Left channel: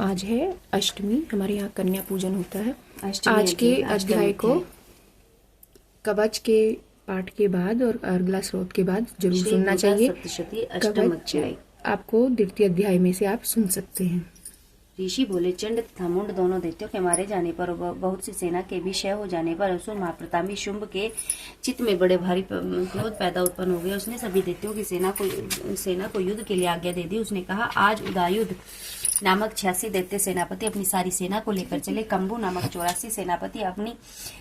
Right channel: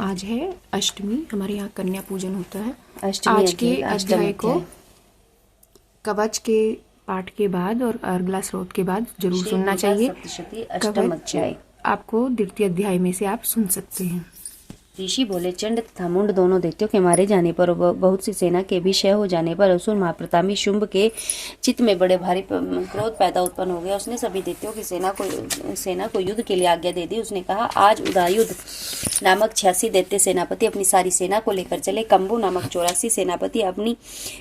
आज है अष्टमी, हमारे यहाँ कन्या पूजन होता है। अष्टमी आज के अष्टमी अध्याय को कवच के पाठ के बाद और अर्गला स्रोत के बाद जरूर श्री सुनना दुर्गा चाहिए। सप्तशती अष्टम कवच अध्याय। आपको द्वितीय अध्याय में से आप सुन सकते हैं। ऋषि बोले, चंड तथा मुंड दोनों दैत्यों के मारे जाने पर और बहुत सी सेना के भी क्षय हो जाने पर असुर महाप्रतापी शुंभ के चित्त में बड़े भारी क्रोध पैदा उत्पन्न हो गया। उसने सभी दैत्यों की सेना को युद्ध के लिए आज्ञा दे दी। उसने कहा, आज उदयुद्ध नामक 86 दैत्य सेनापति अपनी सारी सेना को लेकर चले। कंबू नामक 84 सेनापति अपनी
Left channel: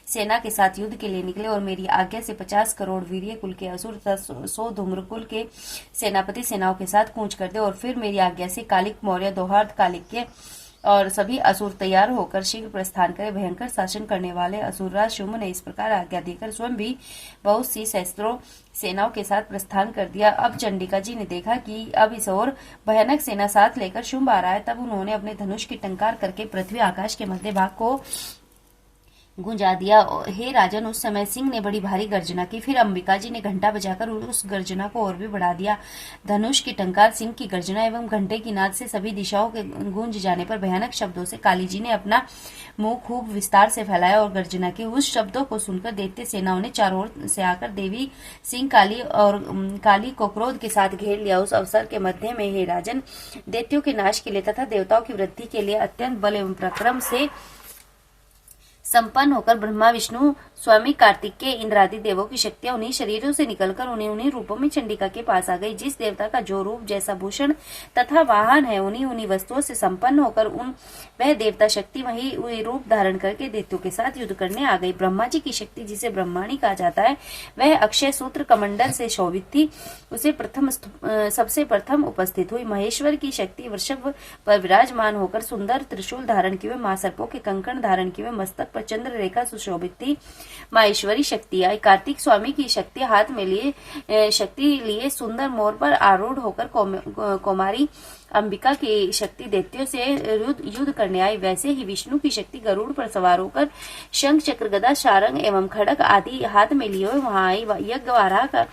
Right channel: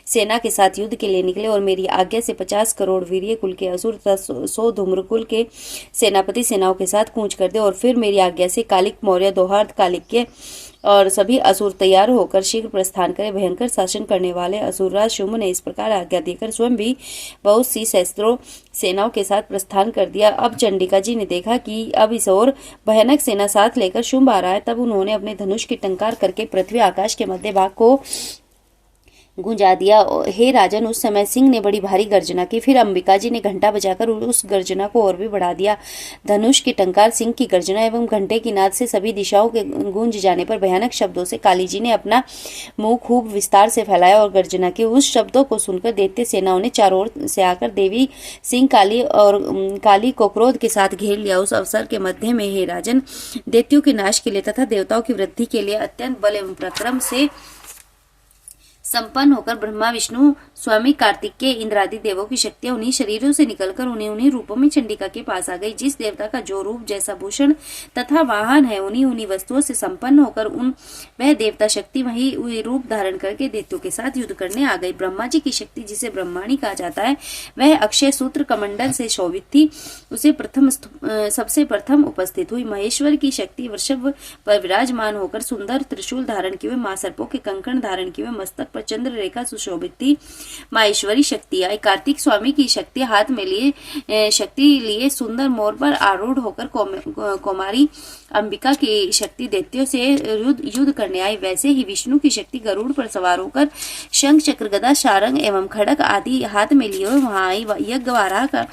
सेना के साथ युद्ध के लिए निकले और मेरी आज्ञा से 50 करोड़ वीर्य कुल के असुर तथा 100 धूम्र कुल के सेनापति सेनाओं के साथ कूच कर दे। और फिर मेरी आज्ञा से कालिक मौर्य, दोहार्थ कालिक के और सभी असुर तैयार होकर शीघ्र प्रस्थान करे। भयंकर शासन करने वाले असुरराज शुंभ ने इस प्रकार आज्ञा देकर स्वयं भी बहुत सी सहस्त्रों सेनाओं के साथ प्रस्थान कर दिया। अब चंडिका जी ने देखा कि अब इस ओर भयानक सेना साथ लेकर शुंभ आ रहा है। तब उन्होंने अपने धनुष की टंकार करके पृथ्वी आकाश के मध्य भाग को गुंजा दिया। हे राजन, उस समय सिंह ने बड़ी भारी गर्जना की। फिर अंबिका जी ने घंटा बजाकर उस गर्जना को और भी बढ़ा दिया। धनुष की टंकार, सिंह की गर्जना एवं घंटे की नाद से सभी दिशाओं के गूंज जाने पर भयानक शब्दों से काली जी ने अपना मुंह खूब विस्तार से फैलाया और गर्जना की। उस शब्दों को सुनकर दैत्य सेनाओं ने चारों ओर से आकर देवी सिंह काली को क्रोध के साथ घेर लिया। उस अवसर के मध्य में, हे राजन, दैत्यों के नाश के लिए तथा देवताओं की वृद्धि के लिए अत्यंत बल एवं पराक्रम से संपन्न होकर ब्रह्मा, विष्णु, स्वामी कार्तिकेय, इंद्रादि देवों की शक्तियां उन्हीं शरीरों से निकलकर उन्हीं रूपों में चंडिका के पास आ गई। जिस देवता का जो रूप, जैसा भूषण तथा वाहन है, उन्हीं वस्तुओं से संपन्न होकर वह देवता शक्ति वही रूप धारण करके दैत्यों के साथ युद्ध करने आ गई। ब्रह्मा जी की शक्ति, जिसे ब्रह्माणी कहा जाता है, वह अक्षय सूत्र कमंडल से शोभित थी। उसे सबसे प्रथम उपस्थित हुई। महेश्वर की शक्ति वृषभ पर विराजमान होकर सुंदर त्रिशूल धारण किए हुए, महासर्पों के कंकण धारण किए हुए, मस्तक पर चंद्र रेखा सुशोभित थी। माहेश्वरी शक्ति आई। कार्तिक स्वामी की शक्ति हाथ में लिए सुंदर मोर पर आरूढ़ होकर कौमारी अंबिका की शक्ति दैत्यों से युद्ध करने आई। वैसे ही विष्णु की शक्ति गरुड़ पर सवार होकर शंख, चक्र, गदा, शारंग एवं खड़ग आदि हाथ में लिए हुए वहां आई। यज्ञवाराह का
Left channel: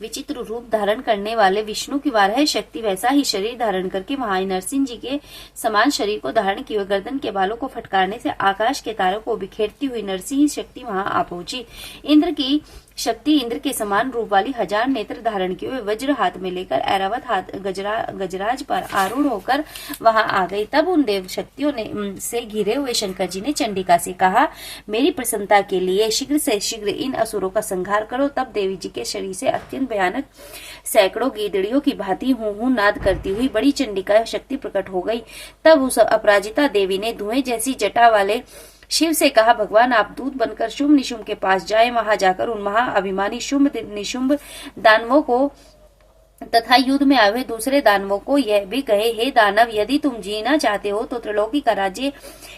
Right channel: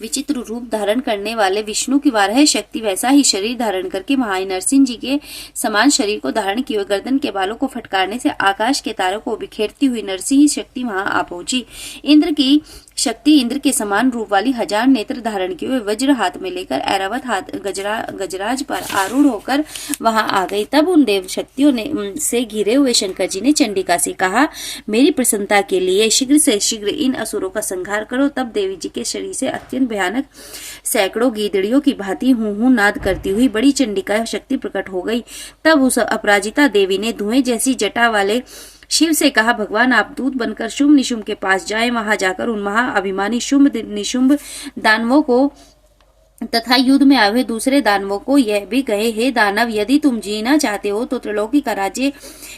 विचित्र रूप धारण करने वाले विष्णु की वाराह शक्ति वैसा ही शरीर धारण करके महान नरसिंह जी के समान शरीर को धारण किए हुए गर्दन के बालों को फटकारने से आकाश के तारों को बिखेरती हुई नरसिंह शक्ति वहां आ पहुंची। इंद्र की शक्ति इंद्र के समान रूप वाली 1000 नेत्र धारण किए हुए वज्र हाथ में लेकर ऐरावत हाथ गजराज पर आरूढ़ होकर वहां आ गई। तब उन देव शक्तियों से घिरे हुए शंकर जी ने चंडिका से कहा, मेरी प्रसन्नता के लिए शीघ्र से शीघ्र इन असुरों का संहार करो। तब देवी जी के शरीर से अत्यंत भयानक सैकड़ों गीदड़ियों की भांति हूं नाद करती हुई बड़ी चंडिका शक्ति प्रकट हो गई। तब उस अपराजिता देवी ने धुएं जैसी जटा वाले शिव से कहा, भगवान, आप दूत बनकर शुंभ निशुंभ के पास जाएं। वहां जाकर उन महाअभिमानी शुंभ निशुंभ दानवों को तथा युद्ध में आए हुए दूसरे दानवों को यह भी कहे, हे दानव, यदि तुम जीना चाहते हो तो त्रिलोकी का राज्य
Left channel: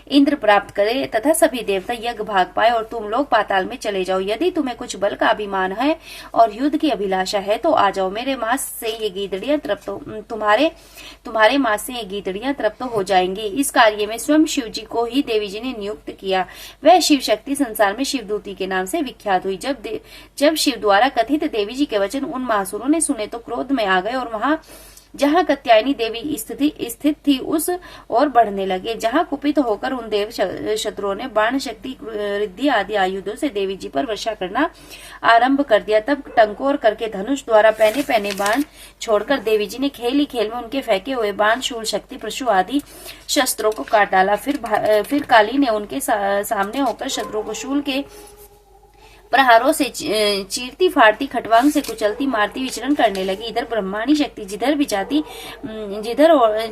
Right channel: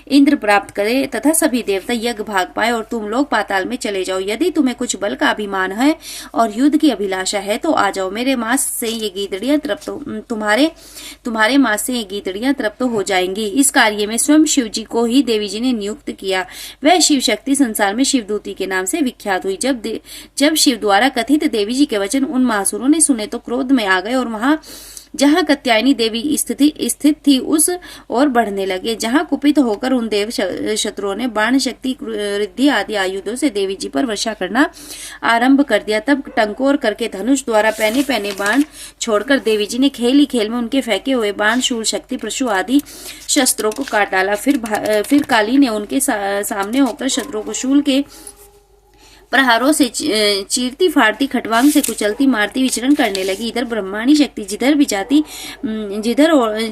इंद्र प्राप्त करे तथा सभी देवता यज्ञ भाग पाए और तुम लोग पाताल में चले जाओ। यदि तुम्हें कुछ बल का अभिमान है और युद्ध की अभिलाषा है तो आ जाओ। मेरे मांस से ये गीदड़ियां तृप्त तुम्हारे मांस से ये गीदड़ियां तृप्त हो जाएंगी। इस कार्य में स्वयं शिव जी को ही देवी जी ने नियुक्त किया। वह शिव शक्ति संसार में शिवदूती के नाम से विख्यात हुई। जब शिव द्वारा कथित देवी जी के वचन उन महासुरों ने सुने तो क्रोध में आ गए और वहां जहां कात्यायनी देवी स्थित थी उस और बढ़ने लगे। जहां कुपित होकर उन देव शत्रुओं ने बाण शक्ति, रिद्धि आदि आयुधों से देवी जी पर वर्षा करना आरंभ कर दिया। तब टंकोर करके धनुष द्वारा पहने पहने बाण छोड़कर देवी जी ने खेल ही खेल में उनके फेंके हुए बाण, शूल, शक्ति, परशु आदि शस्त्रों को काट डाला। फिर काली ने उनके सामने होकर शत्रुओं को शूल के प्रहारों से चीरती फाड़ती, खटवांग से कुचलती मारती विचरण करने लगी। इधर ब्रह्माणी शक्ति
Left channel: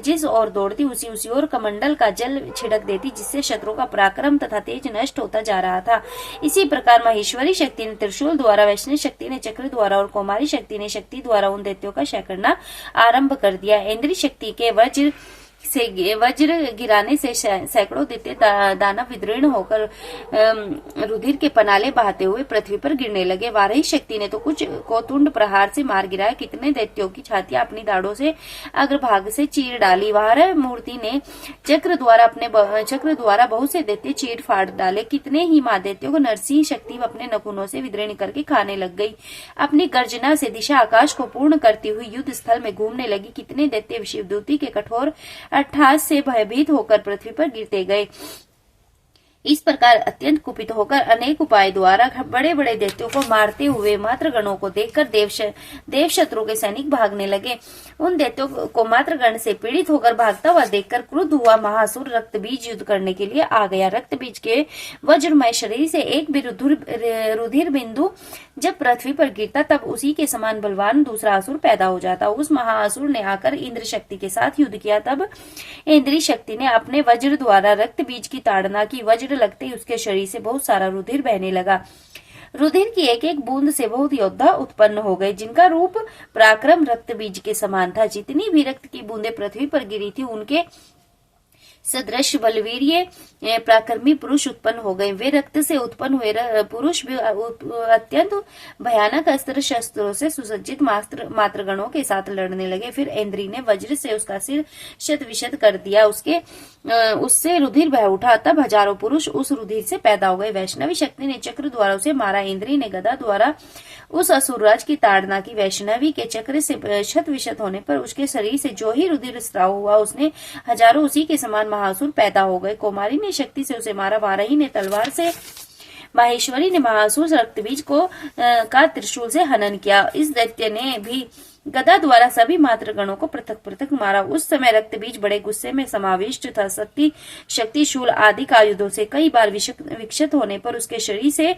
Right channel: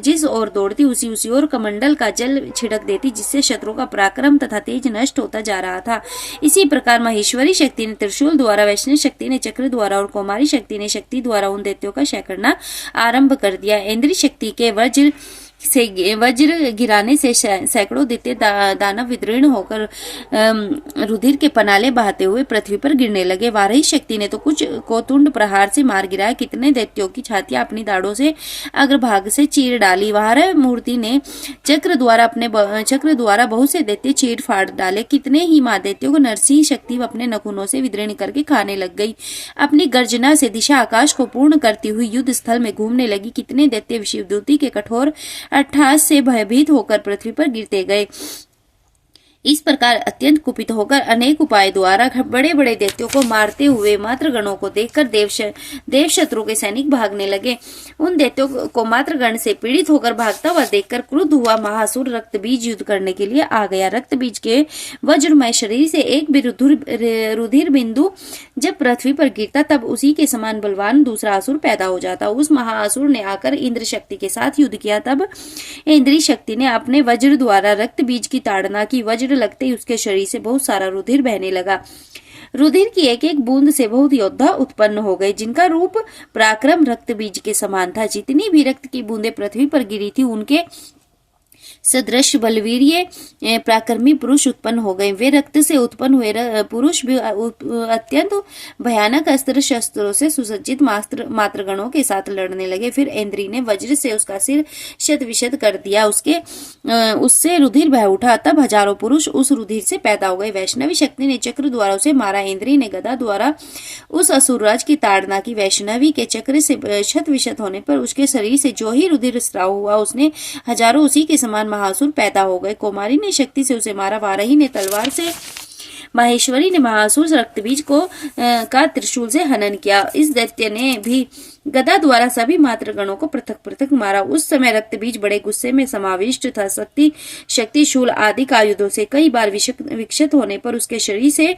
जिस ओर दौड़ती उसी ओर कमंडल का जल छिड़क देती, जिससे शत्रु का पराक्रम तथा तेज नष्ट होता जा रहा था। इसी प्रकार महेश्वरी शक्ति ने त्रिशूल द्वारा, वैष्णव शक्ति ने चक्र द्वारा और कौमारी शक्ति ने शक्ति द्वारा उन दैत्यों का क्षय करना आरंभ कर दिया। इंद्री शक्ति के वज्र गिराने से सैकड़ों दैत्य दानव विदीर्ण होकर रुधिर के पनाले बहाते हुए पृथ्वी पर गिरने लगे। वाराही शक्ति ने तो कुछ को तुंड प्रहार से मार गिराया। कितने दैत्यों की छातियां अपनी दाढ़ों से अग्रभाग से चीर डाली। वाराह मूर्ति ने चक्र द्वारा बहुत से दैत्य चीर फाड़ डाले। कितने ही मां दैत्यों को नरसिंह शक्ति अपने नखूनों से विदीर्ण करके खाने लग गई। अपनी गर्जना से दिशा आकाश को पूर्ण करती हुई युद्ध स्थल में घूमने लगी। कितने दैत्य शिवदूती के कठोर अट्टहास से भयभीत होकर पृथ्वी पर गिरते गए। इस प्रकार अत्यंत कुपित होकर अनेक उपाय द्वारा बड़े बड़े दैत्यों को मारते हुए मातृगणों को देखकर देव शत्रु के सैनिक भागने लगे। उन दैत्यों को मातृगण से पीड़ित होकर भागता हुआ देखकर क्रुद्ध हुआ महासुर रक्तबीज युद्ध करने के लिए आ गया। रक्तबीज के वज्रमय शरीर से एक भी रुधिर बिंदु जब पृथ्वी पर गिरता तब उसी के समान बलवान दूसरा असुर पैदा हो जाता। उस महाअसुर ने आकर इंद्र शक्ति के साथ युद्ध किया। तब इंद्री शक्ति ने अपने वज्र द्वारा रक्तबीज की ताड़ना की। वज्र लगते ही उसके शरीर से बहुत सारा रुधिर बहने लगा। रुधिर की एक एक बूंद से बहुत योद्धा उत्पन्न हो गए, जिनका रूप पराक्रम रक्तबीज के समान था। जितनी भी रक्त की बूंदें पृथ्वी पर गिरी थी उनके सदृश बलवीर्य पराक्रमी पुरुष उत्पन्न हो गए। वे रक्त से उत्पन्न हुए पुरुष भी अत्यंत भयानक अस्त्र शस्त्रों से सुसज्जित मातृगणों के साथ लड़ने लगे। फिर इंद्री ने वज्र से उसका सिर शत-विशत कर दिया। उससे रुधिर बह उठा। तब हजारों पुरुष उस रुधिर से पैदा हो गए। वैष्णवी शक्ति ने चक्र द्वारा उसे मारा। इंद्री ने गदा द्वारा उस असुरराज की ताड़ना की। वैष्णवी के चक्र से शत-विशत होने पर उसके शरीर से जो ही रुधिर स्राव हुआ, उसने हजारों उसी के समान महासुर पैदा हो गए। कुमारी ने शक्ति से उसे मारा। वाराही ने तलवार से, माहेश्वरी ने महासुर रक्तबीज का त्रिशूल से हनन किया। इस दैत्य ने भी गदा द्वारा सभी मातृगणों को पृथक पृथक मारा। उस समय रक्तबीज बड़े गुस्से में समाविष्ट था। शक्ति शूल आदि आयुधों से कई बार विक्षत होने पर उसके शरीर से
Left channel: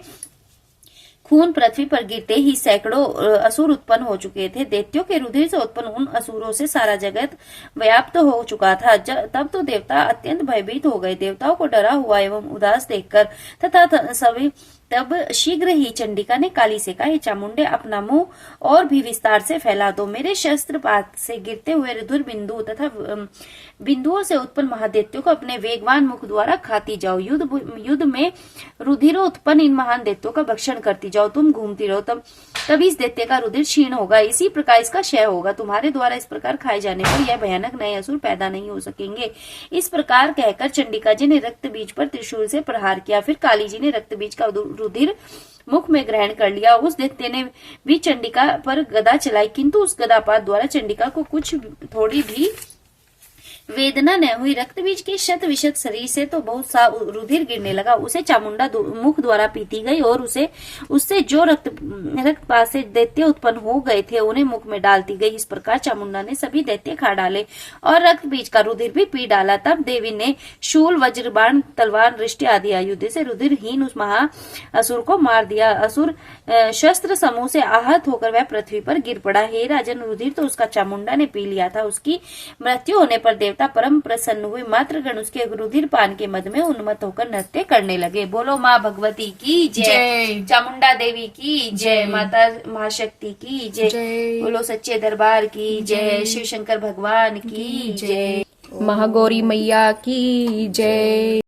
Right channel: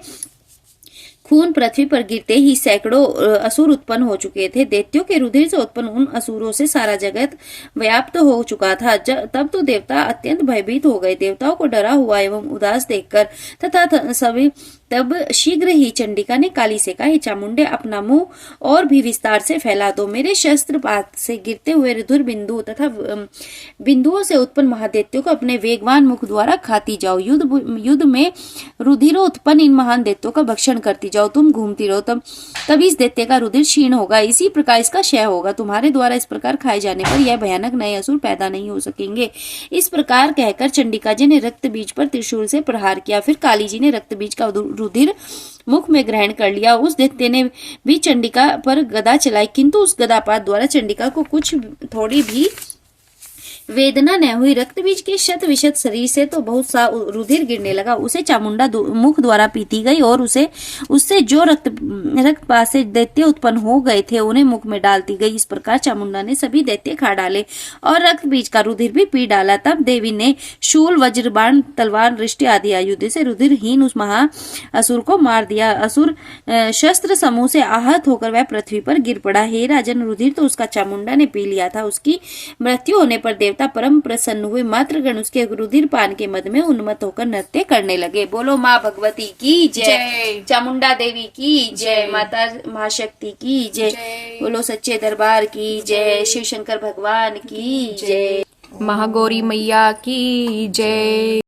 खून पृथ्वी पर गिरते ही सैकड़ों असुर उत्पन्न हो चुके थे। दैत्यों के रुधिर से उत्पन्न उन असुरों से सारा जगत व्याप्त हो चुका था। तब तो देवता अत्यंत भयभीत हो गए। देवताओं को डरा हुआ एवं उदास देखकर तथा सभी तब शीघ्र ही चंडिका ने काली से कहा, हे चामुंडे, अपना मुंह और भी विस्तार से फैला दो। मेरे शस्त्रपात से गिरते हुए रुधिर बिंदु तथा बिंदुओं से उत्पन्न महादैत्यों को अपने वेगवान मुख द्वारा खाती जाओ। युद्ध में रुधिरों उत्पन्न इन महान दैत्यों का भक्षण करती जाओ। तुम घूमती रहो, तब इस दैत्य का रुधिर क्षीण होगा। इसी प्रकार इसका क्षय होगा। तुम्हारे द्वारा इस प्रकार खाए जाने पर यह भयानक नए असुर पैदा नहीं हो सकेंगे। इस प्रकार कहकर चंडिका जी ने रक्त बीज पर त्रिशूल से प्रहार किया। फिर काली जी ने रक्त बीज का रुधिर मुख में ग्रहण कर लिया। उस दैत्य ने भी चंडिका पर गदा चलाई, किंतु उस गदापात द्वारा चंडिका को कुछ थोड़ी भी वेदना न हुई। रक्तबीज के शत-विशत शरीर से तो बहुत सा रुधिर गिरने लगा। उसे चामुंडा मुख द्वारा पीती गई और उससे जो रक्तपात से दैत्य उत्पन्न हो गए थे उन्हें मुख में डालती गई। इस प्रकार चामुंडा ने सभी दैत्य खा डाले और रक्तबीज का रुधिर भी पी डाला। तब देवी ने शूल, वज्र, बाण, तलवार, दृष्टि आदि आयुध से रुधिरहीन उस महा असुर को मार दिया। असुर शस्त्र समूह से आहत होकर वह पृथ्वी पर गिर पड़ा। हे राजन, रुधिर तो उसका चामुंडा ने पी लिया था। उसकी मृत्यु होने पर देवता परम प्रसन्न हुए। मातृगण उसके रुधिर पान के मद में उन्मत्त होकर नृत्य करने लगे। बोलो माँ भगवती की जय, चामुंडा देवी की जय, माता महाशक्ति की जय, बोलो सच्चे दरबार की जय, शिव शंकर भगवान की जय, महागौरी मैया की जय।